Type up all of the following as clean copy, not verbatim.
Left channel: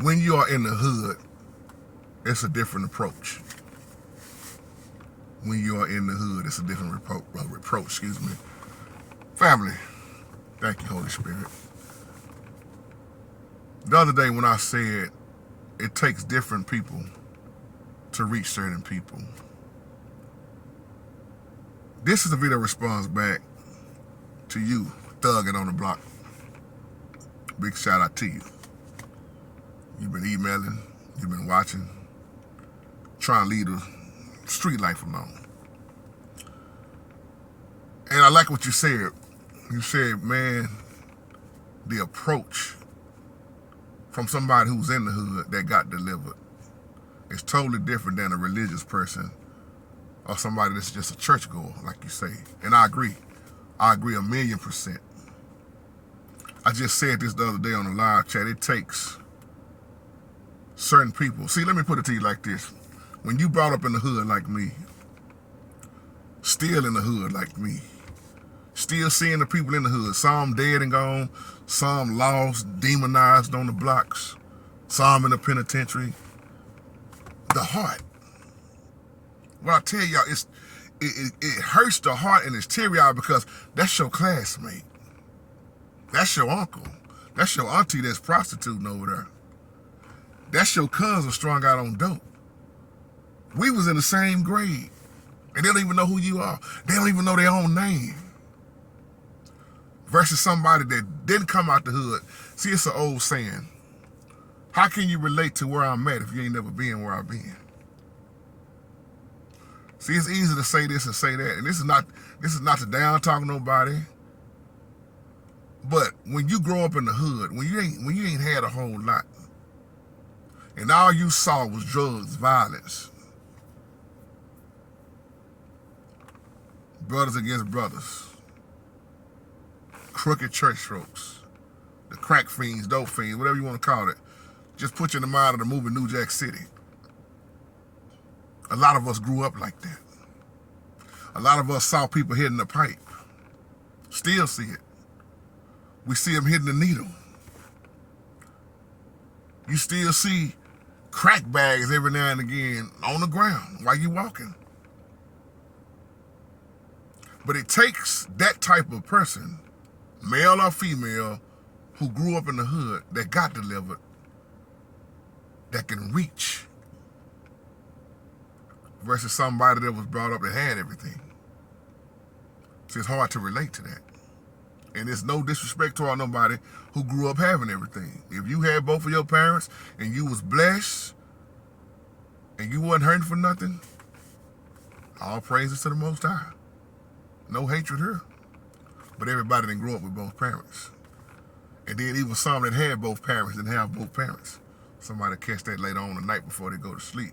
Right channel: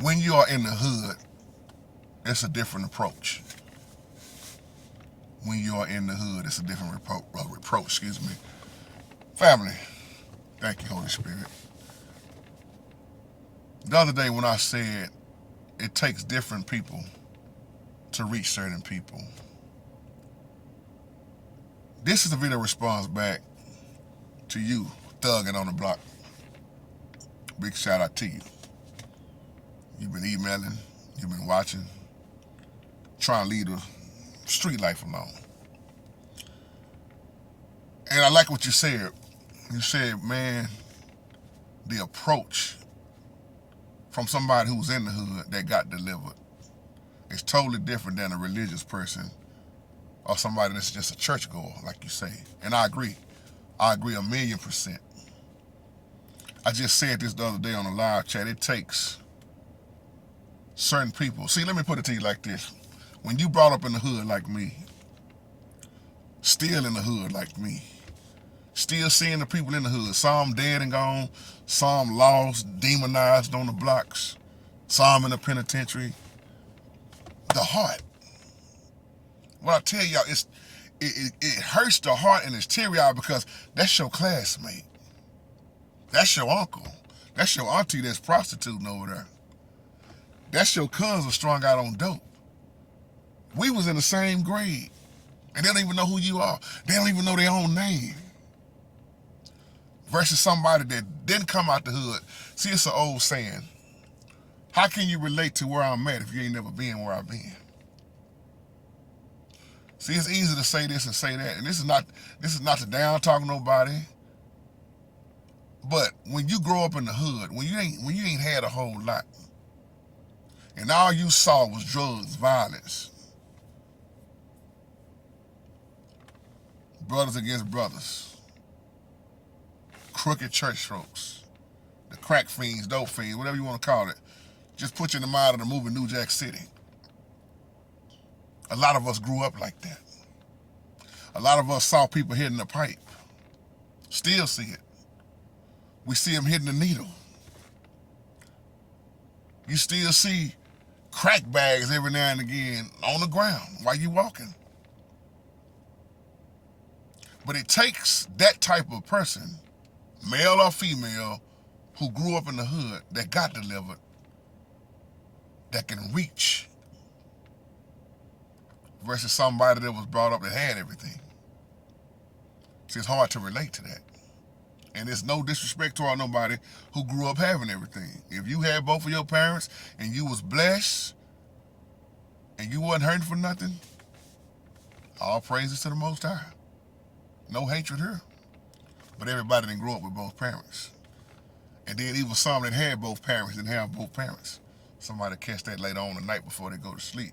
When you are in the hood, it's a different approach. When you are in the hood, it's a different reproach, excuse me. Family, thank you, Holy Spirit. The other day when I said it takes different people to reach certain people, this is a video response back to you, thugging on the block. Big shout out to you. You've been emailing, you've been watching, trying to lead a street life alone. And I like what you said. You said, man, the approach from somebody who's in the hood that got delivered is totally different than a religious person or somebody that's just a churchgoer, like you say. And I agree. I agree 1,000,000%. I just said this the other day on a live chat. It takes certain people. See, let me put it to you like this. When you brought up in the hood like me, still in the hood like me, still seeing the people in the hood, some dead and gone, some lost, demonized on the blocks, some in the penitentiary. The heart. What I tell y'all, it hurts the heart and it's teary-eyed because that's your classmate. That's your uncle. That's your auntie that's prostituting over there. That's your cousin strung out on dope. We was in the same grade, and they don't even know who you are. They don't even know their own name. Versus somebody that didn't come out the hood. See, it's an old saying. How can you relate to where I'm at if you ain't never been where I've been? See, it's easy to say this and say that, and this is not to down talk nobody. But when you grow up in the hood, when you ain't had a whole lot, and all you saw was drugs, violence, brothers against brothers, crooked church folks, the crack fiends, dope fiends, whatever you want to call it, just put you in the mind of the movie New Jack City. A lot of us grew up like that. A lot of us saw people hitting the pipe. Still see it. We see them hitting the needle. You still see crack bags every now and again on the ground while you walking. But it takes that type of person, male or female, who grew up in the hood, that got delivered, that can reach, versus somebody that was brought up that had everything. See, it's hard to relate to that. And it's no disrespect toward nobody who grew up having everything. If you had both of your parents and you was blessed and you wasn't hurting for nothing, all praises to the Most High. No hatred here. But everybody didn't grow up with both parents. And then even some that had both parents didn't have both parents. Somebody catch that later on the night before they go to sleep.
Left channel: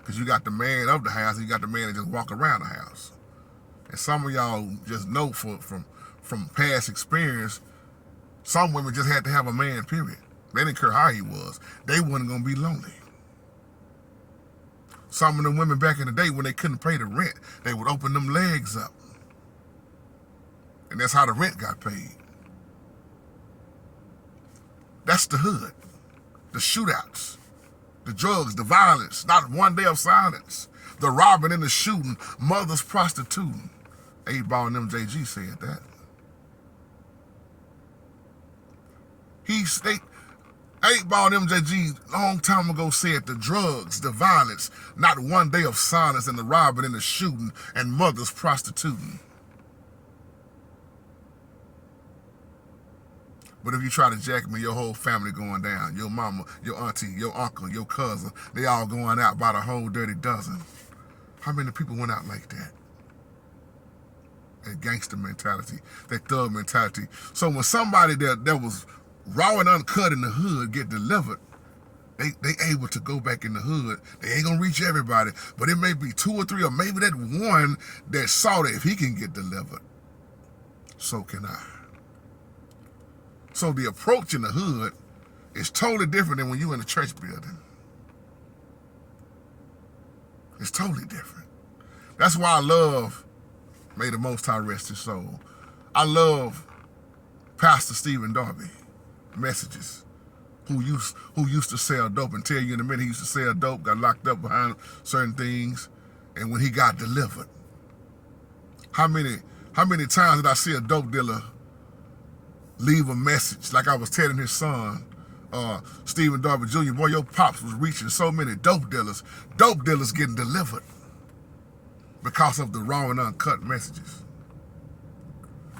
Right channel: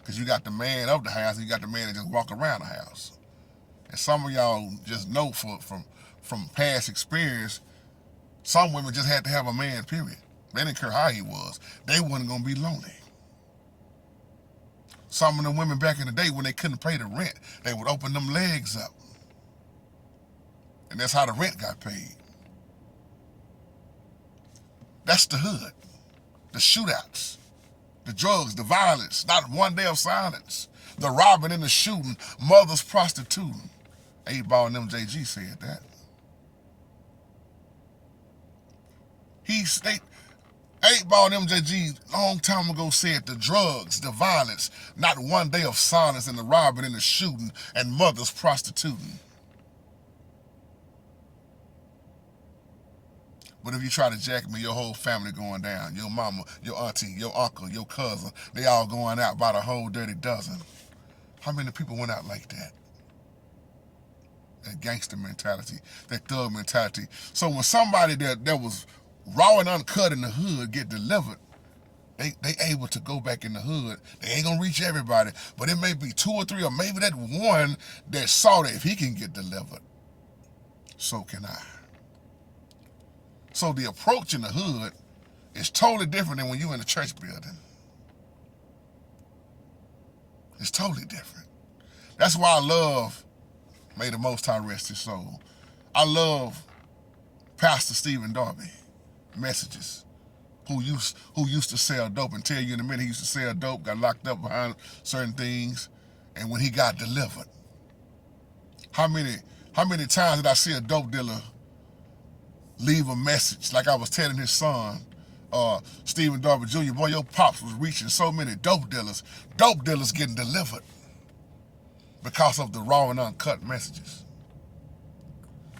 Because you got the man of the house and you got the man that just walk around the house. And some of y'all just know from past experience, some women just had to have a man, period. They didn't care how he was. They wasn't going to be lonely. Some of the women back in the day, when they couldn't pay the rent, they would open them legs up. And that's how the rent got paid. That's the hood. The shootouts. The drugs, the violence, not one day of silence. The robbing and the shooting, mothers prostituting. 8Ball and MJG said that. 8Ball and MJG long time ago said the drugs, the violence, not one day of silence, and the robbing and the shooting, and mothers prostituting. But if you try to jack me, your whole family going down. Your mama, your auntie, your uncle, your cousin, they all going out by the whole dirty dozen. How many people went out like that? That gangster mentality, that thug mentality. So when somebody that was raw and uncut in the hood get delivered, they able to go back in the hood. They ain't gonna reach everybody, but it may be 2 or 3, or maybe that one that saw that if he can get delivered, so can I. So the approach in the hood is totally different than when you in a church building. It's totally different. That's why I love, may the Most High rest his soul, I love Pastor Stephen Darby messages. who used to sell dope and tell you in a minute he used to sell dope, got locked up behind certain things, and when he got delivered. How many times did I see a dope dealer leave a message like I was telling his son, Stephen Darby Jr., boy, your pops was reaching so many dope dealers getting delivered because of the raw and uncut messages.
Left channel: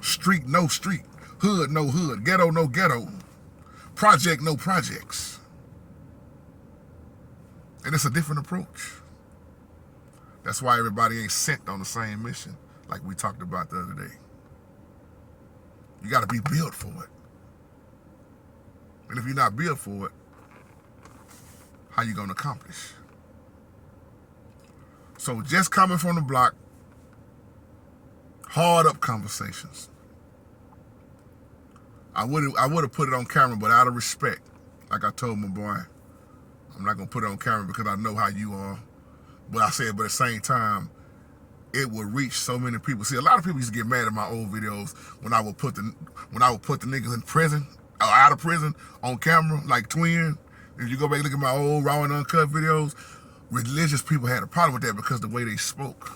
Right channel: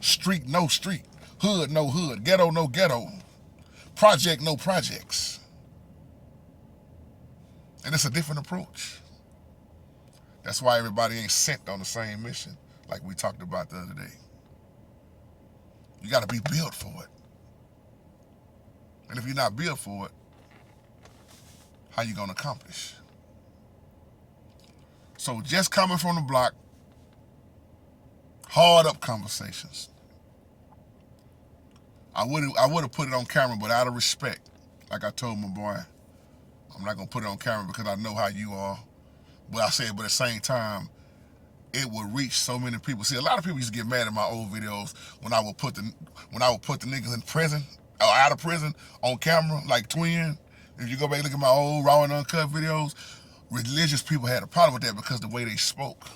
Street, no street. Hood, no hood. Ghetto, no ghetto. Project, no projects. And it's a different approach. That's why everybody ain't sent on the same mission like we talked about the other day. You got to be built for it. And if you're not built for it, how you going to accomplish? So just coming from the block, hard up conversations. I would have put it on camera, but out of respect, like I told my boy, I'm not going to put it on camera because I know how you are. But I said, but at the same time, it would reach so many people. See, a lot of people used to get mad at my old videos when I would put the niggas in prison or out of prison on camera, like Twin. If you go back and look at my old raw and uncut videos, religious people had a problem with that because of the way they spoke.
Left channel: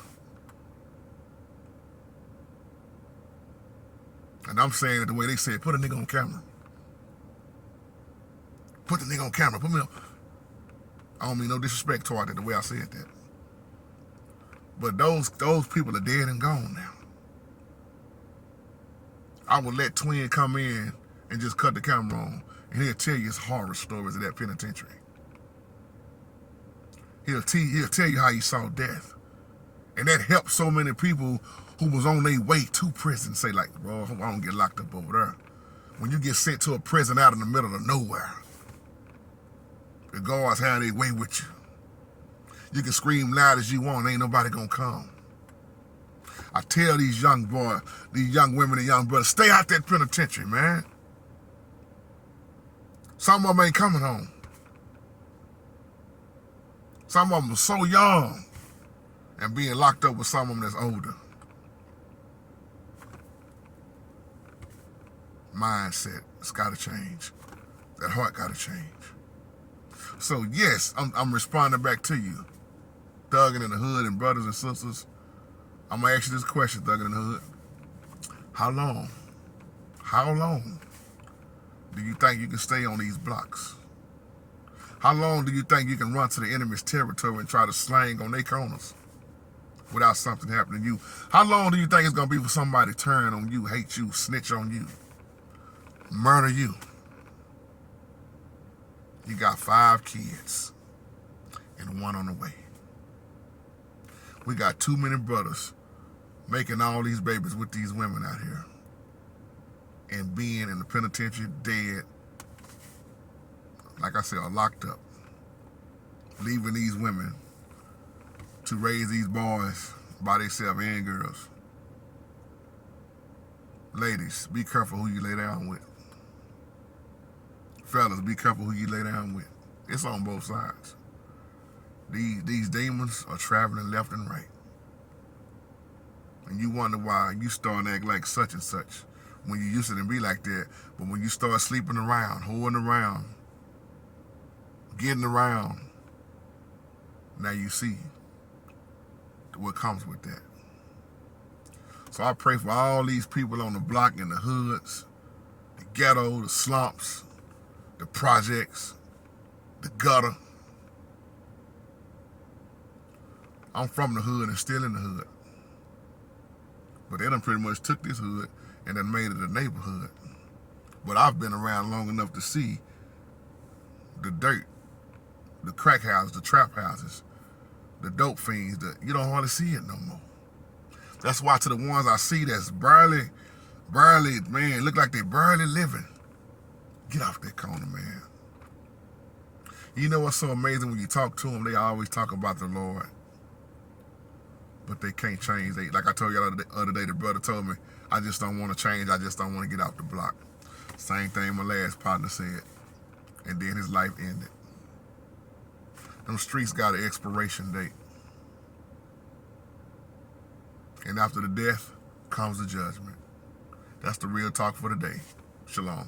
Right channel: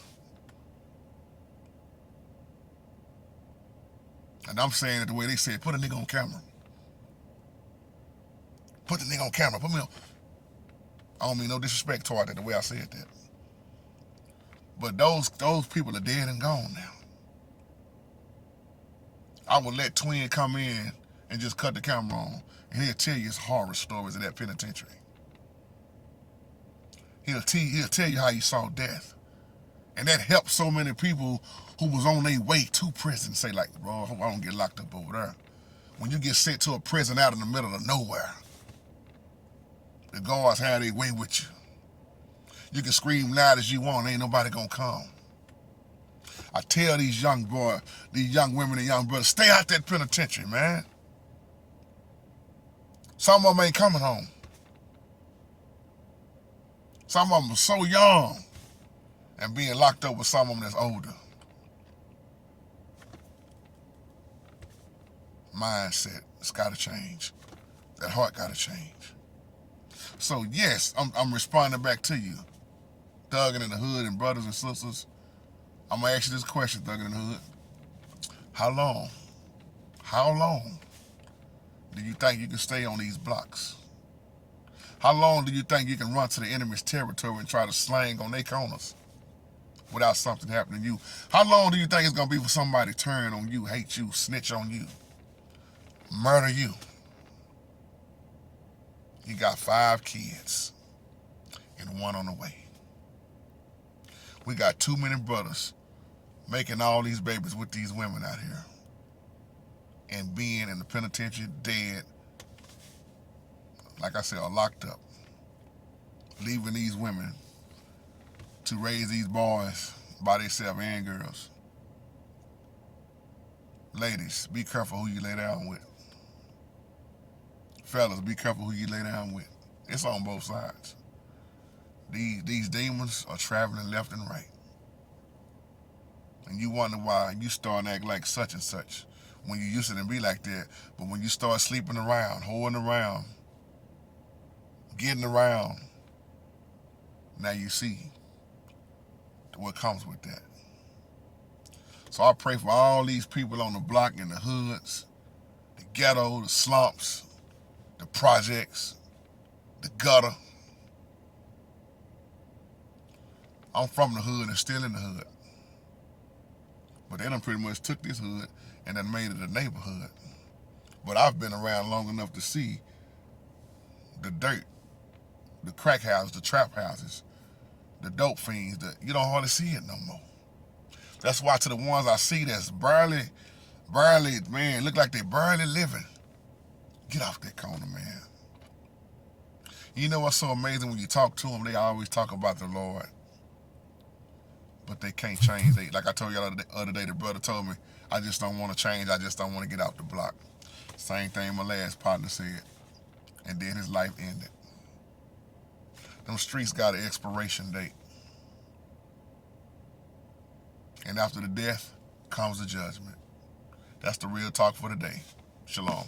And I'm saying it the way they said, put a nigga on camera. Put the nigga on camera. Put me on. I don't mean no disrespect toward that the way I said that. But those people are dead and gone now. I would let Twin come in and just cut the camera on, and he'll tell you his horror stories of that penitentiary. He'll tell you how he saw death. And that helped so many people who was on their way to prison say like, bro, I hope I don't get locked up over there. When you get sent to a prison out in the middle of nowhere, the guards have their way with you. You can scream loud as you want, ain't nobody gonna come. I tell these young boys, these young women and young brothers, stay out that penitentiary, man. Some of them ain't coming home. Some of them are so young and being locked up with some of them that's older. Mindset, it's gotta change. That heart gotta change. So yes, I'm responding back to you. Thuggin' in the Hood and brothers and sisters, I'm gonna ask you this question, Thuggin' in the Hood. How long do you think you can stay on these blocks? How long do you think you can run to the enemy's territory and try to slang on their corners without something happening to you? How long do you think it's gonna be for somebody to turn on you, hate you, snitch on you, murder you? You got 5 kids and 1 on the way. We got too many brothers making all these babies with these women out here and being in the penitentiary dead, like I said, are locked up, leaving these women to raise these boys by themselves and girls. Ladies, be careful who you lay down with. Fellas, be careful who you lay down with. It's on both sides. These demons are traveling left and right. And you wonder why you start to act like such and such when you used to be like that. But when you start sleeping around, holding around, getting around, now you see what comes with that. So I pray for all these people on the block, in the hoods, the ghetto, the slumps, the projects, the gutter. I'm from the hood and still in the hood. But they done pretty much took this hood and then made it a neighborhood. But I've been around long enough to see the dirt, the crack houses, the trap houses, the dope fiends, you don't hardly see it no more. That's why to the ones I see that's barely, man, look like they barely living, get off that corner, man. You know what's so amazing? When you talk to them, they always talk about the Lord. But they can't change. Like I told y'all the other day, the brother told me, I just don't want to change. I just don't want to get out the block. Same thing my last partner said. And then his life ended. Them streets got an expiration date. And after the death comes the judgment. That's the real talk for today. Shalom.